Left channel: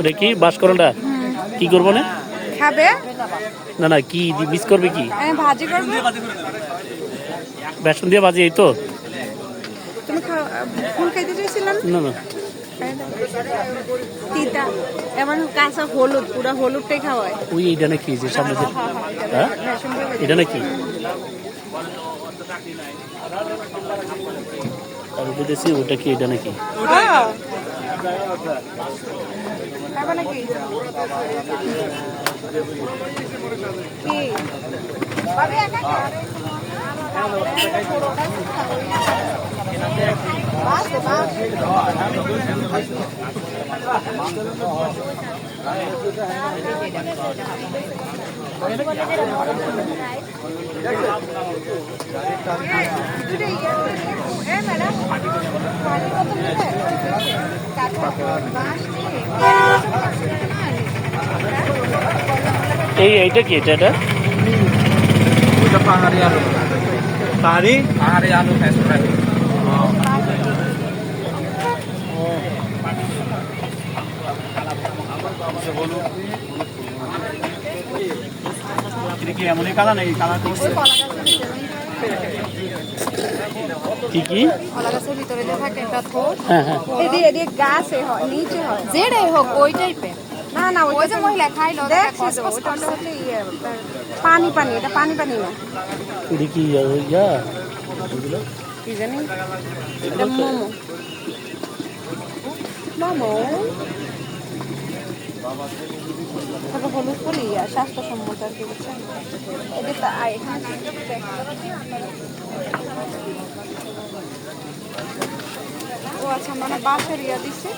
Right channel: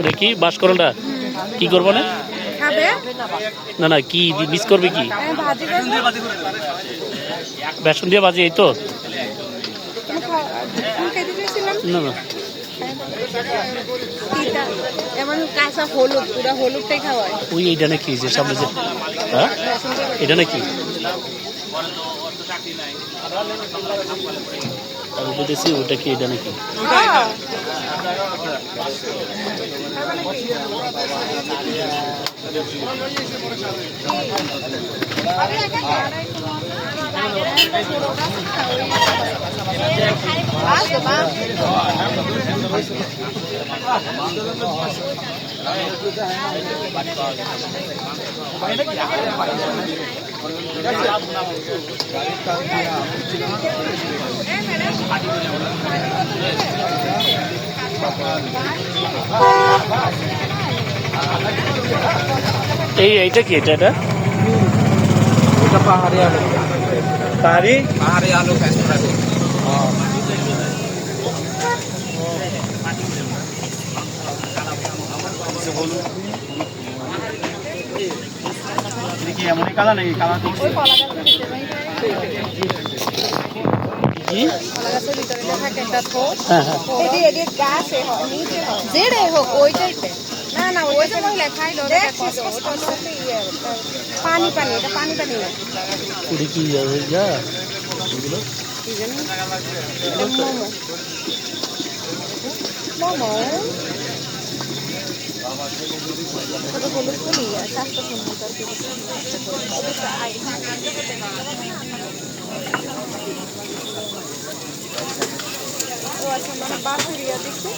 ওটা কি? বাসকরলটা কি করব না? না না কি মিস করবে কি? বেসন দিয়ে বাজি এই তো? না না। ওই এইটা নাকি যে সামনে যে হ্যাঁ? এটা নাকি? আমি বলতেছি ওটা কি এটা নাকি? হ্যাঁ। খাবে নাকি? এই এইটা কি এটা এটা? ওটা পাহাড়ি আলু। পাহাড়ি? পাহাড়ি আলু ফ্যাস ফ্রাই কি কি হ্যাঁ হ্যাঁ। গাছে নিচে যেটাই হোক ওই পানি পানি এটা পানি পানি। ওটা কি যা এগুলো কি? জানি বাসারিয়া দিচ্ছে